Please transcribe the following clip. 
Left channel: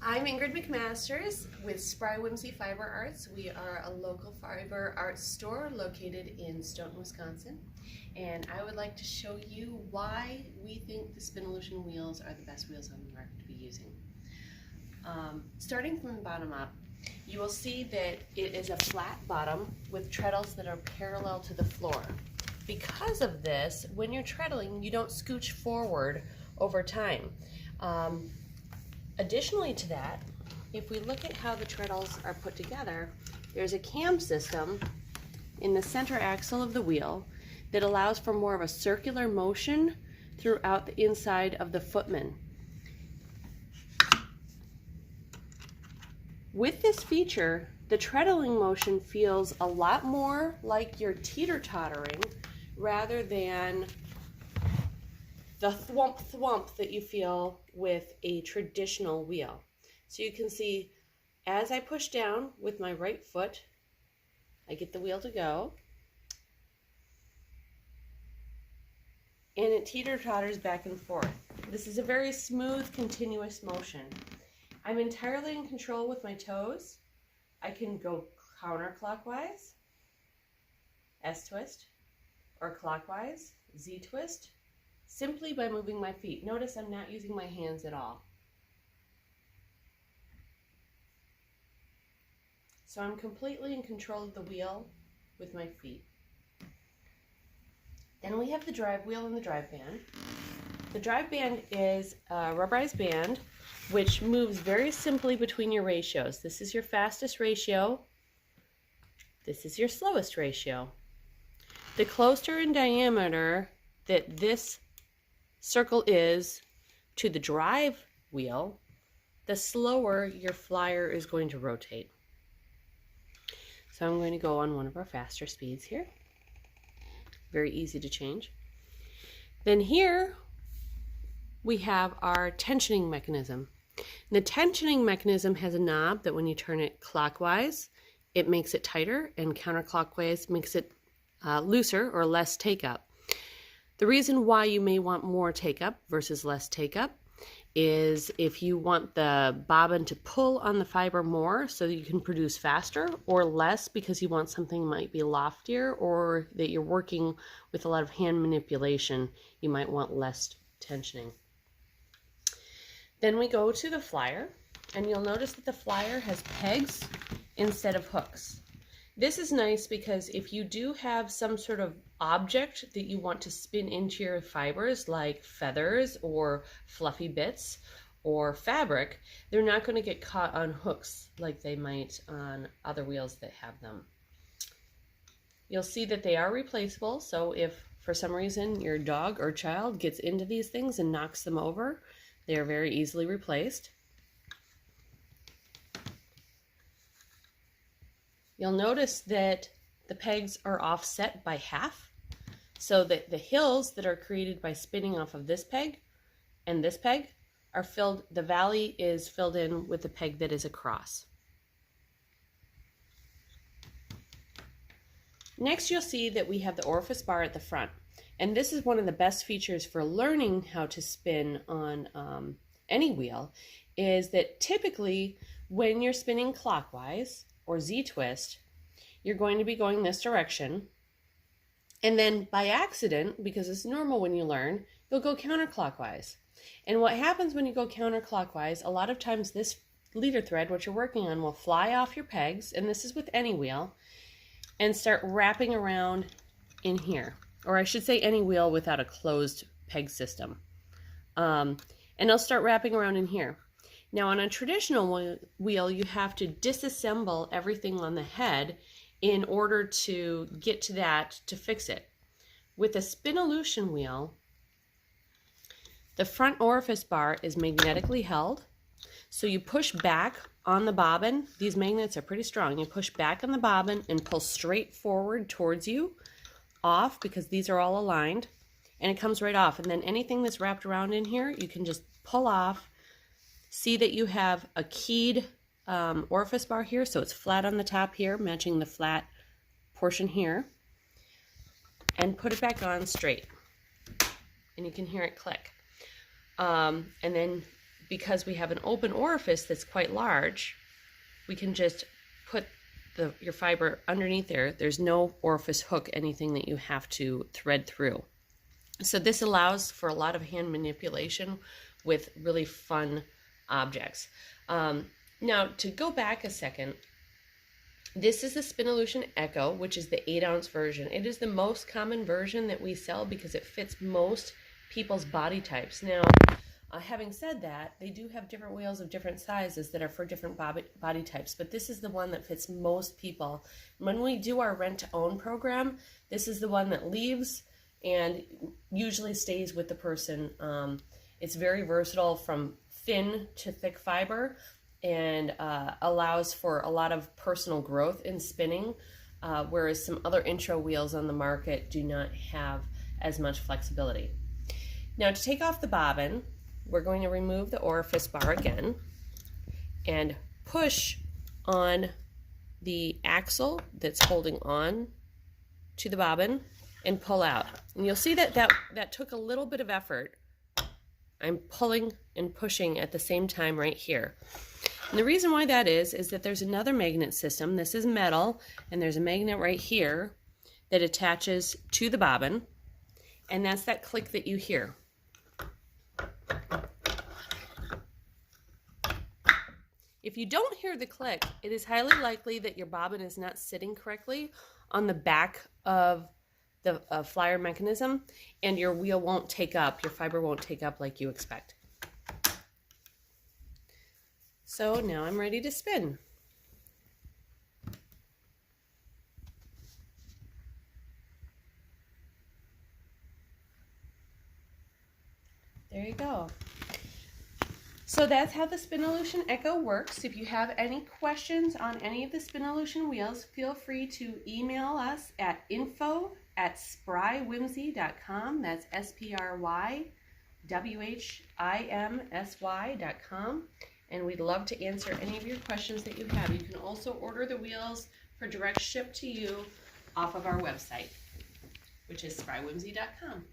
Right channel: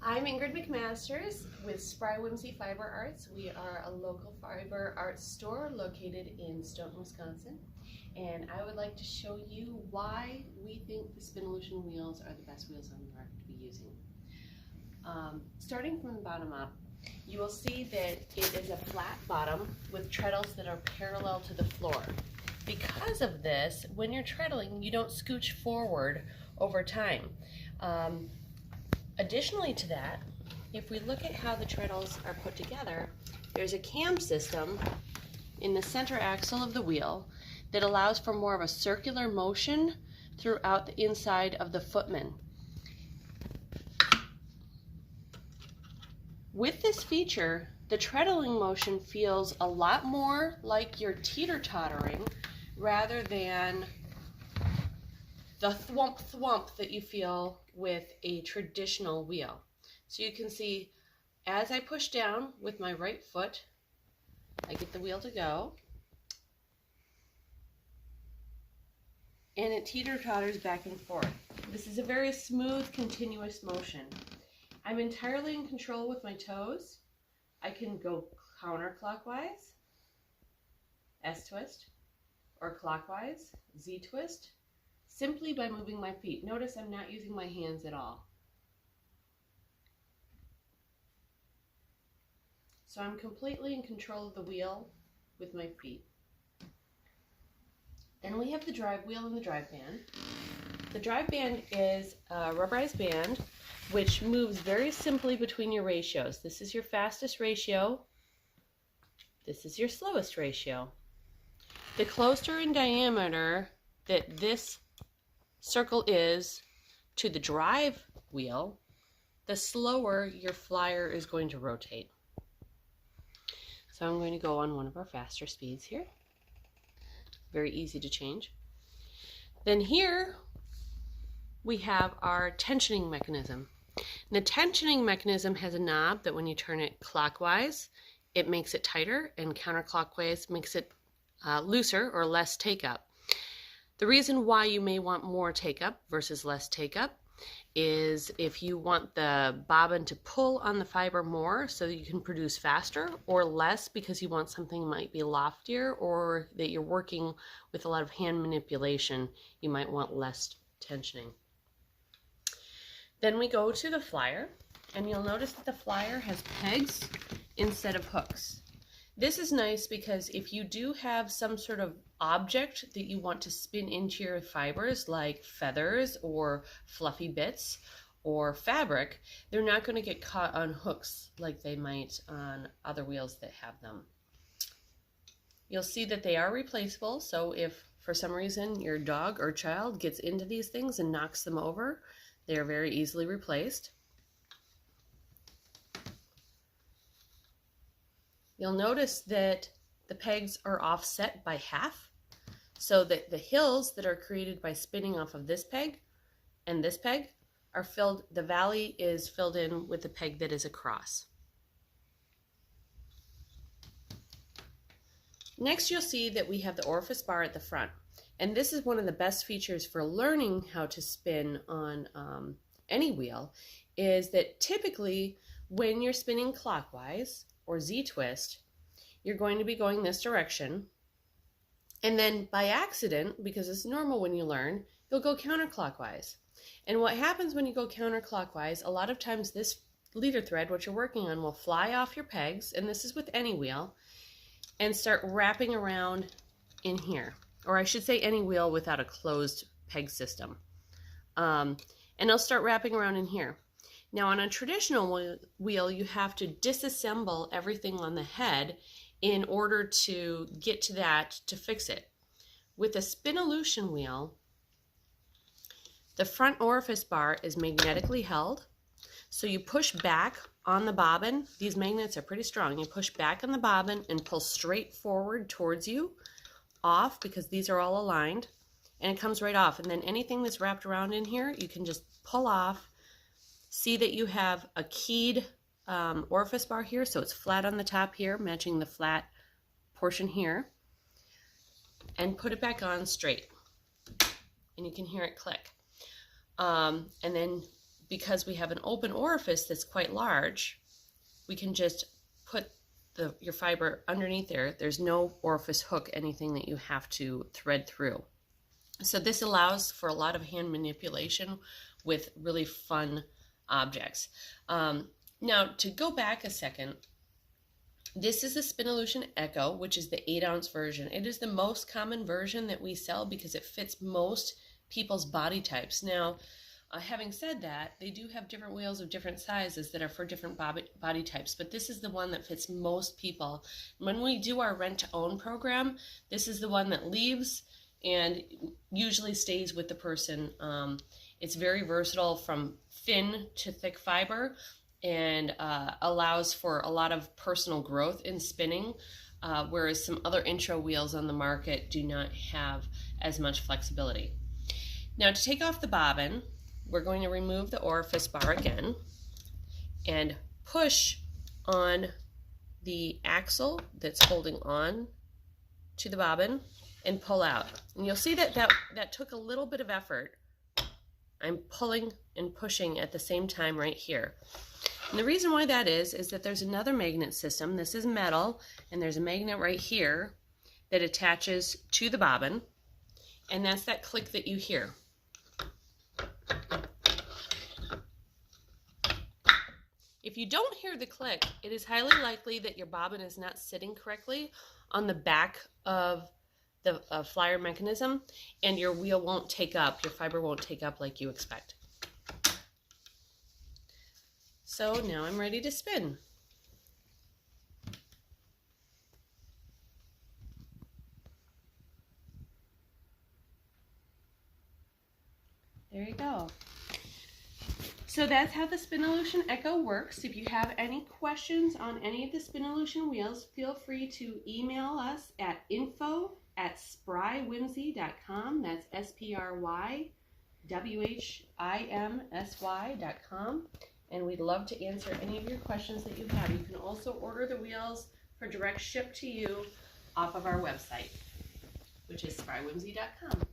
I'm Ingrid McMasters with Spry Whimsy Fiber Arts. We are a local fiber arts store located in Stoughton, Wisconsin. And I would like to show you why we think the Spinolution wheels are the best wheels on the market to be using. Starting from the bottom up, you will see that it is a flat bottom with treadles that are parallel to the floor. Because of this, when you're treadling, you don't scooch forward over time. Additionally to that, if we look at how the treadles are put together, there's a cam system in the center axle of the wheel that allows for more of a circular motion throughout the inside of the footman. With this feature, the treadling motion feels a lot more like you're teeter-tottering rather than the thwump thwump that you feel with a traditional wheel. So you can see as I push down with my right foot, I get the wheel to go, and it teeter-totters back and forth. This is a very smooth, continuous motion. I'm entirely in control with my toes. I can go counterclockwise, S-twist, or clockwise, Z-twist, simply by moving my feet. Notice I'm not using my hands at all. So I'm completely in control of the wheel with my feet. Then we have the drive wheel and the drive band. The drive band is a rubberized band which moves very simply between your ratios. This is your fastest ratio. This is your slowest ratio. The closer in diameter that this circle is to the drive wheel, the slower your flyer is going to rotate. So I'm going to go on one of our faster speeds here. Very easy to change. Then here we have our tensioning mechanism. And the tensioning mechanism has a knob that when you turn it clockwise, it makes it tighter, and counterclockwise makes it looser or less take-up. The reason why you may want more take-up versus less take-up is if you want the bobbin to pull on the fiber more so that you can produce faster, or less because you want something that might be loftier or that you're working with a lot of hand manipulation, you might want less tensioning. Then we go to the flyer, and you'll notice that the flyer has pegs instead of hooks. This is nice because if you do have some sort of object that you want to spin into your fibers, like feathers or fluffy bits or fabric, they're not going to get caught on hooks like they might on other wheels that have them. You'll see that they are replaceable, so if for some reason your dog or child gets into these things and knocks them over, they are very easily replaced. You'll notice that the pegs are offset by half, so that the hills that are created by spinning off of this peg and this peg are filled, the valley is filled in with the peg that is across. Next, you'll see that we have the Orifice Bar at the front. And this is one of the best features for learning how to spin on any wheel, is that typically when you're spinning clockwise or Z-twist, you're going to be going this direction. And then by accident, because it's normal when you learn, you'll go counterclockwise. And what happens when you go counterclockwise, a lot of times this leader thread, what you're working on, will fly off your pegs, and this is with any wheel, and start wrapping around in here. Or I should say any wheel without a closed peg system. And it'll start wrapping around in here. Now on a traditional wheel, you have to disassemble everything on the head in order to get to that to fix it. With a Spinolution wheel, the front orifice bar is magnetically held. So you push back on the bobbin. These magnets are pretty strong. You push back on the bobbin and pull straight forward towards you, off, because these are all aligned, and it comes right off. And then anything that's wrapped around in here, you can just pull off. See that you have a keyed orifice bar here, so it's flat on the top here, matching the flat portion here, and put it back on straight, and you can hear it click. And then because we have an open orifice that's quite large, we can just put your fiber underneath there. There's no orifice hook, anything that you have to thread through. So this allows for a lot of hand manipulation with really fun objects. Now, to go back a second, this is a Spinolution Echo, which is the 8-ounce version. It is the most common version that we sell because it fits most people's body types. Now, having said that, they do have different wheels of different sizes that are for different body types, but this is the one that fits most people. When we do our rent-to-own program, this is the one that leaves and usually stays with the person. It's very versatile from thin to thick fiber, and allows for a lot of personal growth in spinning, whereas some other intro wheels on the market do not have as much flexibility. Now, to take off the bobbin, we're going to remove the Orifice Bar again and push on the axle that's holding on to the bobbin and pull out. And you'll see that that took a little bit of effort. I'm pulling and pushing at the same time right here. And the reason why that is that there's another magnet system. This is metal, and there's a magnet right here that attaches to the bobbin, and that's that click that you hear. If you don't hear the click, it is highly likely that your bobbin is not sitting correctly on the back of the flyer mechanism, and your wheel won't take up, your fiber won't take up like you expect. So now I'm ready to spin. There you go. So that's how the Spinolution Echo works. If you have any questions on any of the Spinolution wheels, feel free to email us at info@sprywhimsy.com. That's SPRYWHIMSY.com. And we'd love to answer any of your questions that you have. You can also order the wheels for direct ship to you off of our website, which is sprywhimsy.com.